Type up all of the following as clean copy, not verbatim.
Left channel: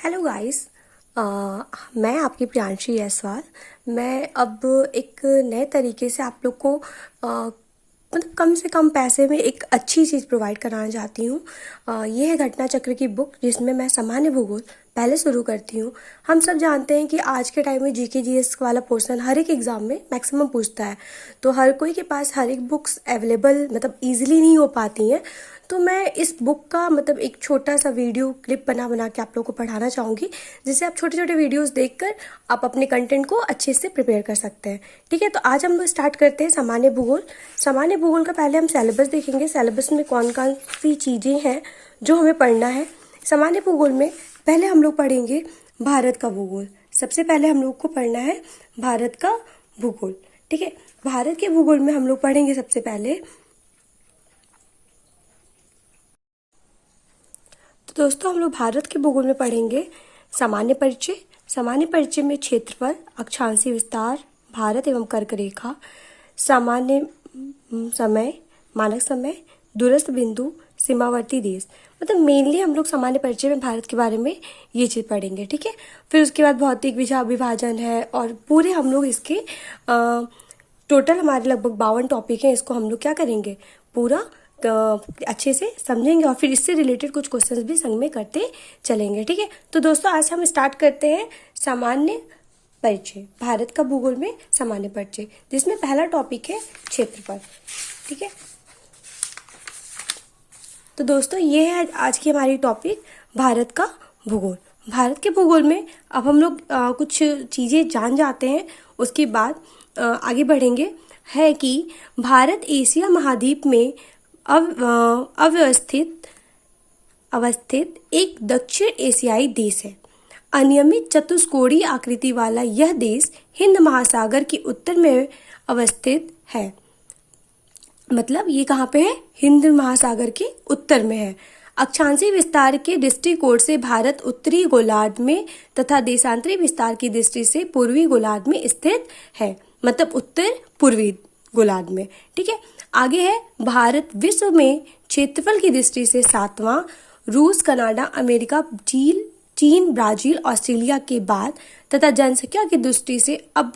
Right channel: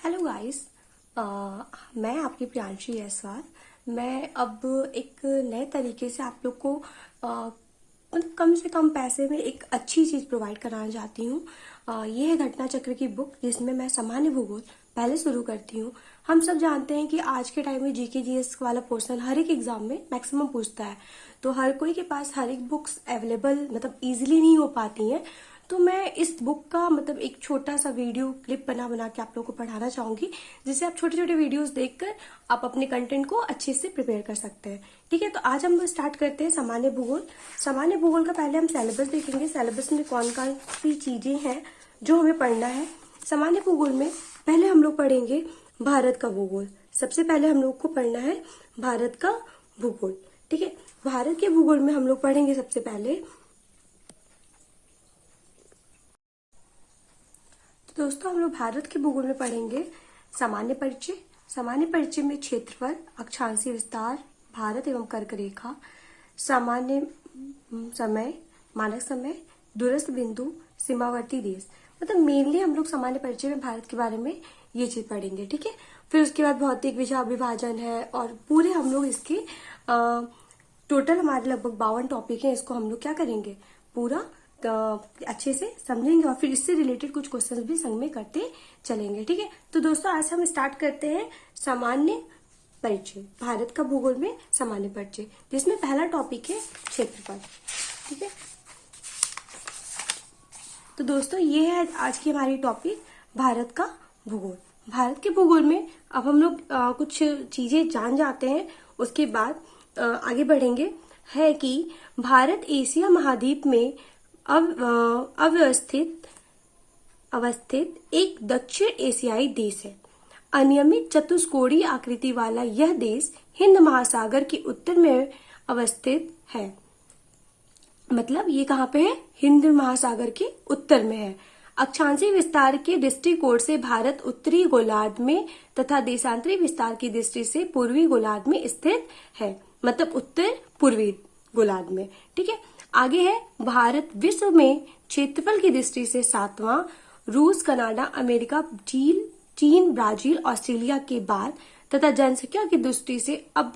Hello guys. मैं आपकी प्रियांशी जायसवाल। मैं अब एक नए तरीके से आप लोग को मतलब कम से कम पैसे में एक अच्छी चीज़ प्रोवाइड कराना चाहती हूँ। ये है घटना चक्र की बुक, जिसमें मैं सामान्य भूगोल पहले शुरू करती हूँ। हम सब जानते हैं कि आज के टाइम में जीके जीएस वाला पोर्शन हर एक एग्ज़ाम में मैक्सिमम पूछता है, तो हर कोई के पास हर एक बुक्स अवेलेबल मतलब ईजिली नहीं हो पाती हैं। तो मैं इस बुक का मतलब एक छोटा सा वीडियो क्लिप बना बना के आप लोगों को पढ़ाना चाहूँगी, जिससे आप छोटे छोटे वीडियोस देखकर आप अपने कंटेंट को अच्छे से प्रिपेयर कर सकते हैं। ठीक है, तो आज हम लोग स्टार्ट करते हैं सामान्य भूगोल। सामान्य भूगोल का पहले हम सिलेबस देखेंगे, सिलेबस में कौन कौन सी चीज़ें हैं जो हमें पढ़ना है। सामान्य भूगोल में पहले हम लोग पढ़ेंगे भारत का भूगोल। सबसे पहले हम लोग को पढ़ना है भारत का भूगोल। ठीक है, भारत के भूगोल में हम लोग पढ़ेंगे सबसे पहले। तो दोस्तों, हम लोग भारत के भूगोल में पढ़ेंगे सामान्य परिचय। सामान्य परिचय में क्षेत्रफल, अक्षांशीय विस्तार, भारत एवं कर्क रेखा, सामान्य समय, मानक समय, दूरस्थ बिंदु, सीमावर्ती देश। मतलब मेनली हम लोग सामान्य परिचय में भारत के बारे में ये चीज़ पढ़ेंगे। ठीक है, फिर उसके बाद भौतिक विभाजन है और पूरे हम लोग इसके टोटल हमारे लगभग 52 टॉपिक हैं। इसको हम लोग क्या करेंगे, पूरा अच्छे से समझेंगे और फिर इससे रिलेटेड कुछ क्वेश्चंस भी संग में करते चलेंगे। ठीक है, तो दोस्तों आज हम स्टार्ट करते हैं सामान्य परिचय, भारत का भूगोल में सामान्य परिचय, जिसमें पहला टॉपिक है क्षेत्रफल। ठीक है, तो दोस्तों ये है आज की हमारी टॉपिक, भारत का भूगोल। भारत के भूगोल में अब हम लोग कुछ चीज़ें जान जाते हैं, उसके बाद आगे बढ़ेंगे। है कि भारत एशिया महाद्वीप में अवस्थित एक दक्षिण एशियाई देश है। अनियमित चतुष्कोणीय आकृति वाला यह देश हिंद महासागर के उत्तर में अवस्थित है। मतलब ये कहाँ पे है, हिंद महासागर के उत्तर में है। अक्षांशीय विस्तार के दृष्टिकोण से भारत उत्तरी गोलार्ध में तथा देशांतरी विस्तार की दृष्टि से पूर्वी गोलार्ध में स्थित है, मतलब उत्तर पूर्वी गोलार्ध में। ठीक है, आगे है भारत विश्व में क्षेत्रफल की दृष्टि से 7वां, रूस, कनाडा, अमेरिका, चीन, ब्राजील, ऑस्ट्रेलिया के बाद तथा जनसंख्या की दृष्टि से अब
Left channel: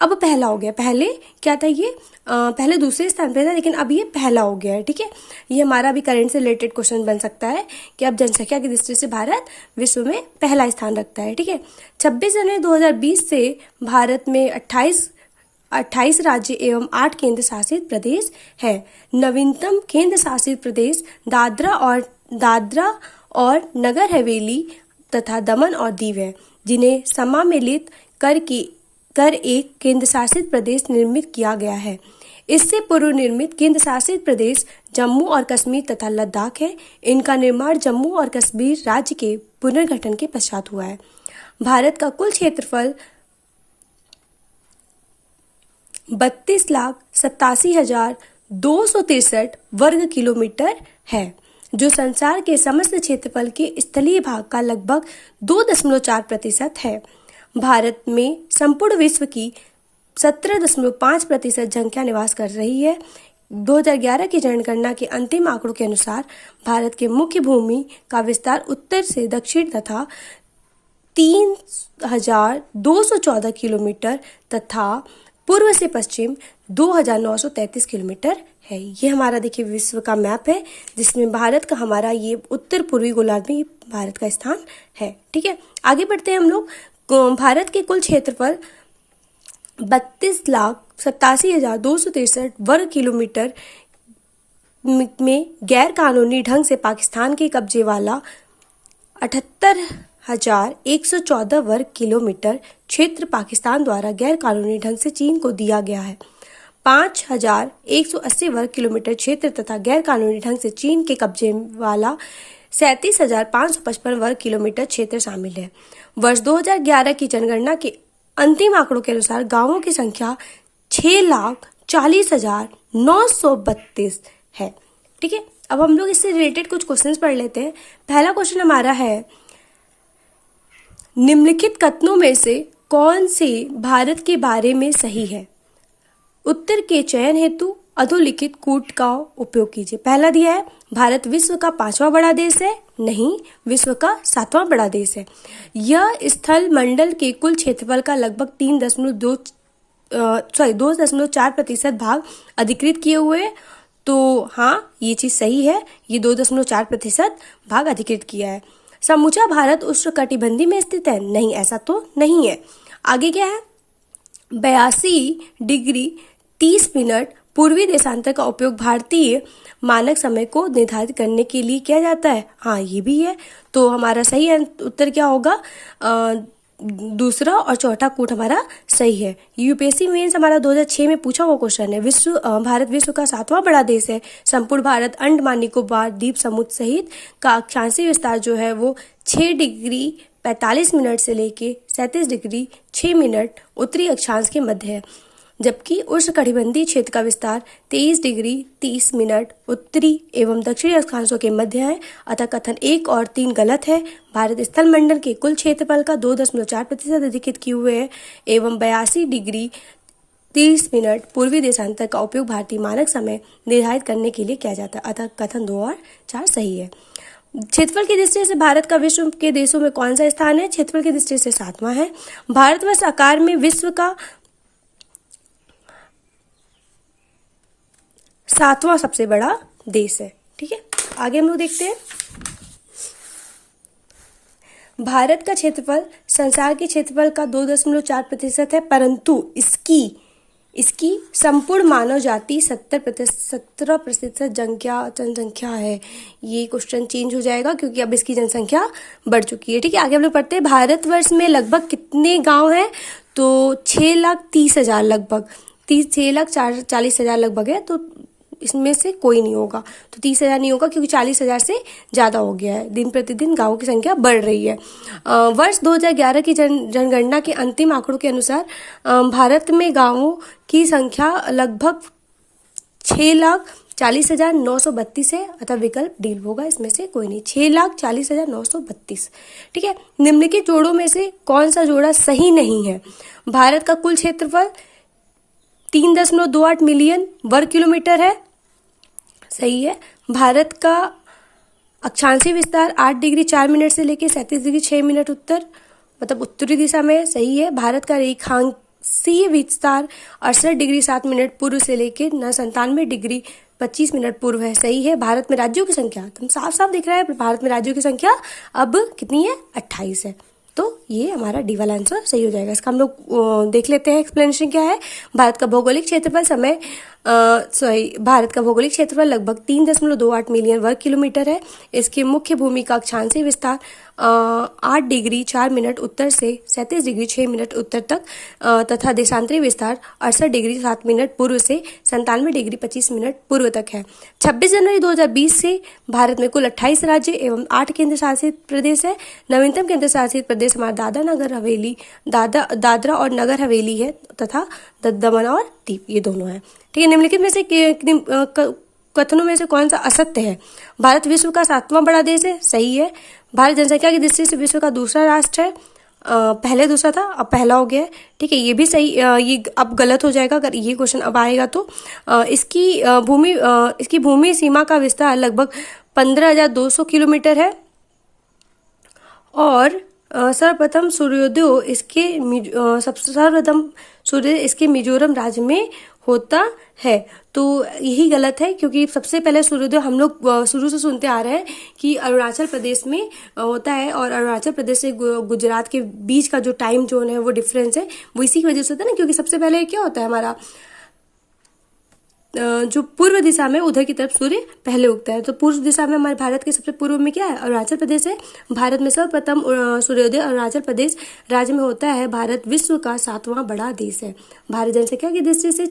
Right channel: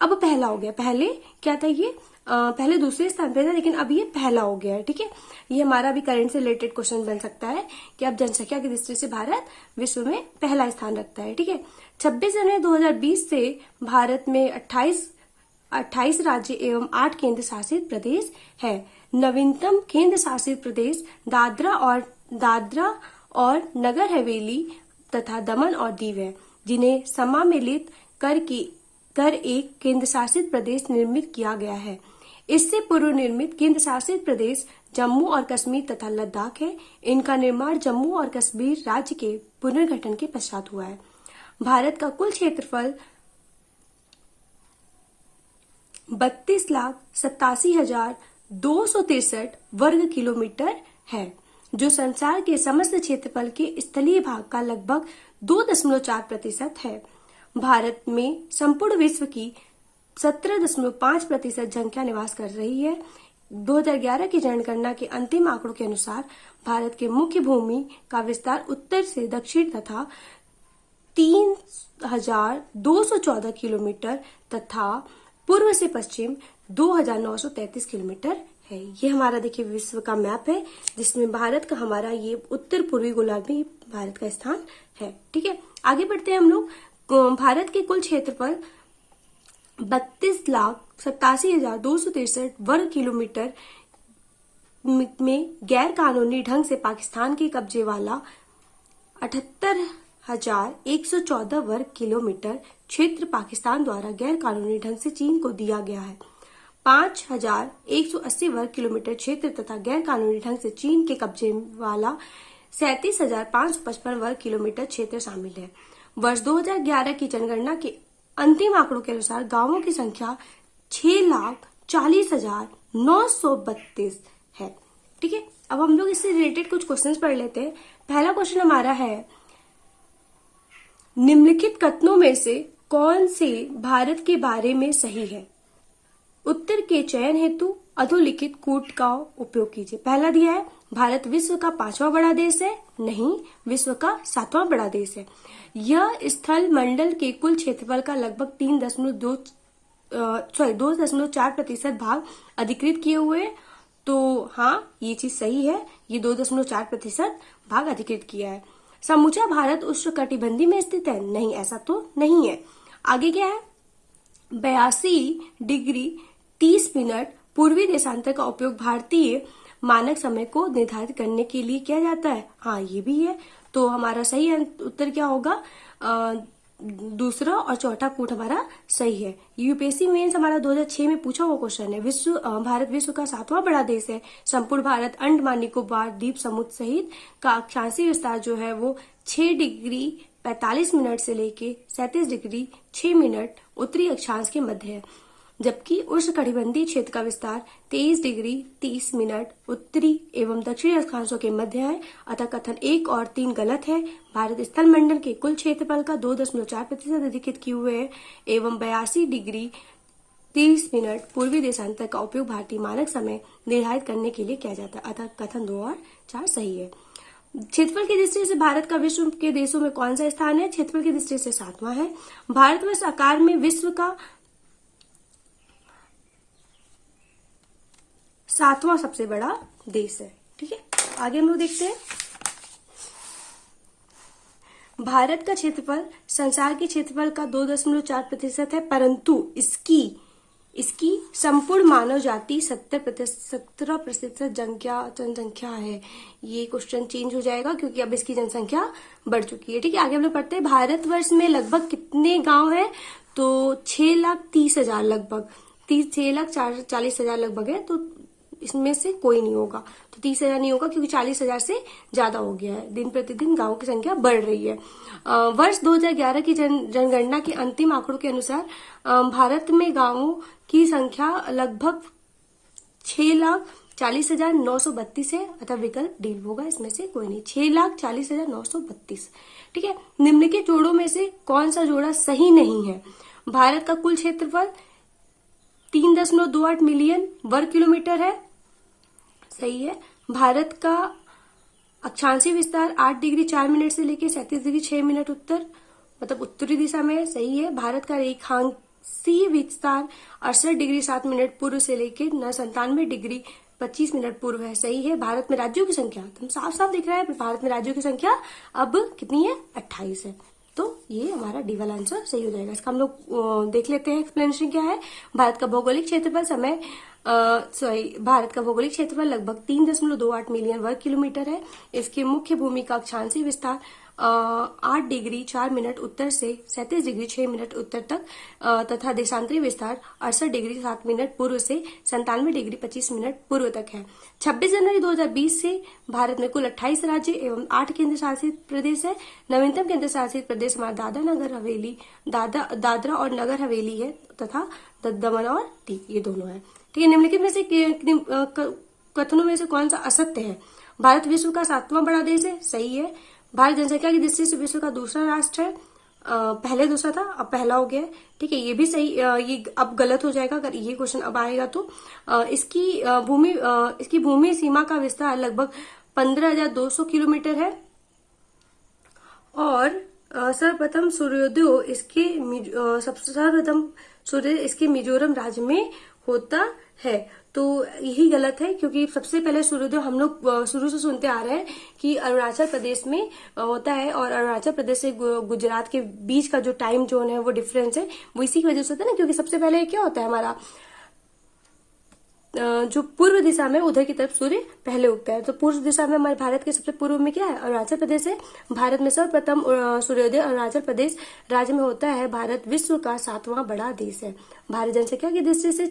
पहला हो गया। पहले क्या था ये, पहले दूसरे स्थान पे था, लेकिन अब ये पहला हो गया है। ठीक है, ये हमारा भी करंट से रिलेटेड क्वेश्चन बन सकता है कि अब जनसंख्या की दृष्टि से भारत विश्व में पहला स्थान रखता है। ठीक है, 26 जनवरी 2020 से भारत में 28 राज्य एवं 8 केंद्र शासित प्रदेश है। नवीनतम केंद्र शासित प्रदेश दादरा और नगर हवेली तथा दमन और दीव है, जिन्हें सम्मिलित कर एक केंद्र शासित प्रदेश निर्मित किया गया है। इससे पूर्व निर्मित केंद्र शासित प्रदेश जम्मू और कश्मीर तथा लद्दाख है। इनका निर्माण जम्मू और कश्मीर राज्य के पुनर्गठन के पश्चात हुआ है। भारत का कुल क्षेत्रफल 32,87,263 वर्ग किलोमीटर है, जो संसार के समस्त क्षेत्रफल के स्थलीय भाग का लगभग 2.4% है। भारत में संपूर्ण विश्व की 17.5% जनसंख्या निवास कर रही है। 2011 की जनगणना के अंतिम आंकड़ों के अनुसार भारत के मुख्य भूमि का विस्तार उत्तर से दक्षिण तथा 3,214 किलोमीटर तथा पूर्व से पश्चिम 2,933 किलोमीटर है। ये हमारा देखिए विश्व का मैप है, जिसमें भारत का हमारा ये उत्तर पूर्वी गोलार्ध में भारत का स्थान है। ठीक है, आगे बढ़ते हैं हम लोग। भारत के कुल क्षेत्रफल 32,87,263 वर्ग किलोमीटर में गैर कानूनी ढंग से पाकिस्तान के कब्जे वाला 78,114 वर्ग किलोमीटर क्षेत्र पाकिस्तान द्वारा गैर कानूनी ढंग से चीन को दिया गया है। 5,180 वर्ग किलोमीटर क्षेत्र तथा गैर कानूनी ढंग से चीन के कब्जे वाला 37,555 वर्ग किलोमीटर क्षेत्र शामिल है। वर्ष 2011 की जनगणना के अंतिम आंकड़ों के अनुसार गांवों की संख्या 6,40,932 है। ठीक है, अब हम लोग इससे रिलेटेड कुछ क्वेश्चंस पढ़ लेते हैं। पहला क्वेश्चन हमारा है, निम्नलिखित कथनों में से कौन से भारत के बारे में सही है? उत्तर के चयन हेतु अधोलिखित कूट का उपयोग कीजिए। पहला दिया है भारत विश्व का 5वां बड़ा देश है? नहीं, विश्व का 7वां बड़ा देश है। यह स्थल मंडल के कुल क्षेत्रफल का लगभग 2.4% भाग अधिकृत किए हुए हैं। तो हाँ, ये चीज सही है, ये 2.4% भाग अधिकृत किया है। समूचा भारत उष्णकटिबंधीय में स्थित है? नहीं, ऐसा तो नहीं है। आगे क्या है? 82 डिग्री 30 मिनट पूर्वी देशांतर का उपयोग भारतीय मानक समय को निर्धारित करने के लिए किया जाता है। हाँ, ये भी है। तो हमारा सही उत्तर क्या होगा? दूसरा और चौथा कूट हमारा सही है। यूपीएससी मेंस हमारा 2006 में पूछा हुआ क्वेश्चन है। भारत विश्व का 7वां बड़ा देश है। संपूर्ण भारत अंडमान निकोबार द्वीप समूह सहित का अक्षांशीय विस्तार जो है वो 6 डिग्री 45 मिनट से लेके 37 डिग्री 6 मिनट उत्तरी अक्षांश के मध्य है, जबकि उष्णकटिबंधीय क्षेत्र का विस्तार 23 डिग्री 30 मिनट उत्तरी एवं दक्षिणी अक्षांशों के मध्य है। अतः कथन 1 और 3 गलत है। भारत स्थल मंडल के कुल क्षेत्रफल का 2.4% अधिकृत किए हुए है एवं 82 डिग्री 30 मिनट पूर्वी देशांतर का उपयोग भारतीय मानक समय निर्धारित करने के लिए किया जाता है। अतः कथन 2 और 4 सही है। क्षेत्रफल की दृष्टि से भारत का विश्व के देशों में कौन सा स्थान है? क्षेत्रफल की दृष्टि से 7वां है। भारतवर्ष आकार में विश्व का 7वां सबसे बड़ा देश है। ठीक है, आगे हम लोग देखते हैं। भारत का क्षेत्रफल संसार के क्षेत्रफल का 2.4% है, परंतु इसकी संपूर्ण मानव जाति 17% जनसंख्या है। ये क्वेश्चन चेंज हो जाएगा क्योंकि अब इसकी जनसंख्या बढ़ चुकी है। ठीक है, आगे हम लोग पढ़ते हैं। भारतवर्ष में लगभग कितने गांव हैं? तो 6,30,000 लगभग 6,40,000 लगभग है। तो इसमें से कोई नहीं होगा, तो 30,000 नहीं होगा क्योंकि 40,000 से ज्यादा हो गया है। दिन प्रतिदिन गांवों की संख्या बढ़ रही है। वर्ष 2011 की जनगणना के अंतिम आंकड़ों के अनुसार भारत में गांवों की संख्या लगभग 6,40,932 है। अतः विकल्प डी होगा, इसमें से कोई नहीं। 6,40,932। ठीक है, निम्नलिखित जोड़ों में से कौन सा जोड़ा सही नहीं है? भारत का कुल क्षेत्रफल 3.28 मिलियन वर्ग किलोमीटर है, सही है। भारत का अक्षांशीय विस्तार 8 डिग्री 4 मिनट से लेकर 37 डिग्री 6 मिनट मतलब उत्तरी दिशा में है, सही है। भारत का रेखांशीय विस्तार 68 डिग्री 7 मिनट पूर्व से लेकर 97 डिग्री 25 मिनट पूर्व है, सही है। भारत में राज्यों की संख्या तो साफ साफ दिख रहा है, भारत में राज्यों की संख्या अब कितनी है? 28 है। तो ये हमारा डी वाला आंसर सही हो जाएगा। इसका हम लोग देख लेते हैं एक्सप्लेनेशन क्या है। भारत का भौगोलिक क्षेत्रफल भारत का भौगोलिक क्षेत्रफल लगभग 3.28 मिलियन वर्ग किलोमीटर है। इसकी मुख्य भूमि का अक्षांशीय विस्तार 8 डिग्री 4 मिनट उत्तर से 37 डिग्री 6 मिनट उत्तर तक तथा देशांतरी विस्तार 68 डिग्री 7 मिनट पूर्व से 97 डिग्री 25 मिनट पूर्व तक है। 26 जनवरी 2020 से भारत में कुल 28 राज्य एवं 8 केंद्र शासित प्रदेश है। नवीनतम केंद्र शासित प्रदेश हमारा दादरा और नगर हवेली है तथा दमन और दीव, ये दोनों है। ठीक है, निम्नलिखित में से कथनों में से कौन सा असत्य है? भारत विश्व का 7वां बड़ा देश है, सही है। भारत जनसंख्या की दृष्टि से विश्व का दूसरा राष्ट्र है। पहले दूसरा था, अब पहला हो गया है। ठीक है, ये भी सही, ये अब गलत हो जाएगा अगर ये क्वेश्चन अब आएगा तो। इसकी भूमि सीमा का विस्तार लगभग 15,200 किलोमीटर है और सर्वप्रथम सूर्योदय इसके मिजोरम राज्य में होता है। तो यही गलत है क्योंकि सबसे पहले सूर्योदय हम लोग शुरू से सुनते आ रहे हैं कि अरुणाचल प्रदेश में होता है और अरुणाचल प्रदेश से गुजरात के बीच का जो टाइम जोन है वो डिफरेंस है, वो इसी की वजह से होता है ना, क्योंकि सबसे पहले क्या होता है हमारा जो पूर्व दिशा में उधर की तरफ सूर्य पहले उगता है। तो पूर्व दिशा में हमारे भारत के सबसे पूर्व में क्या है? अरुणाचल प्रदेश है। भारत में सर्वप्रथम सूर्योदय अरुणाचल प्रदेश राज्य में होता है। भारत विश्व का 7वां बड़ा देश है। भारत जनसंख्या की दृष्टि से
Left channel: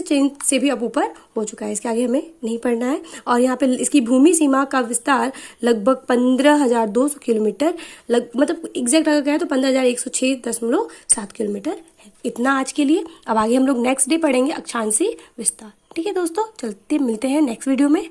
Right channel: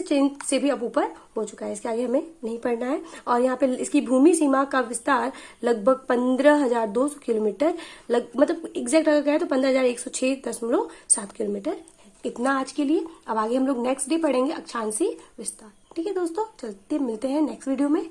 चीन से भी अब ऊपर हो चुका है। इसके आगे हमें नहीं पढ़ना है। और यहाँ पे इसकी भूमि सीमा का विस्तार लगभग 15,200 किलोमीटर मतलब एग्जैक्ट अगर कहें तो 15,106.7 किलोमीटर है। इतना आज के लिए। अब आगे हम लोग नेक्स्ट डे पढ़ेंगे अक्षांशीय विस्तार। ठीक है दोस्तों, चलते मिलते हैं नेक्स्ट वीडियो में।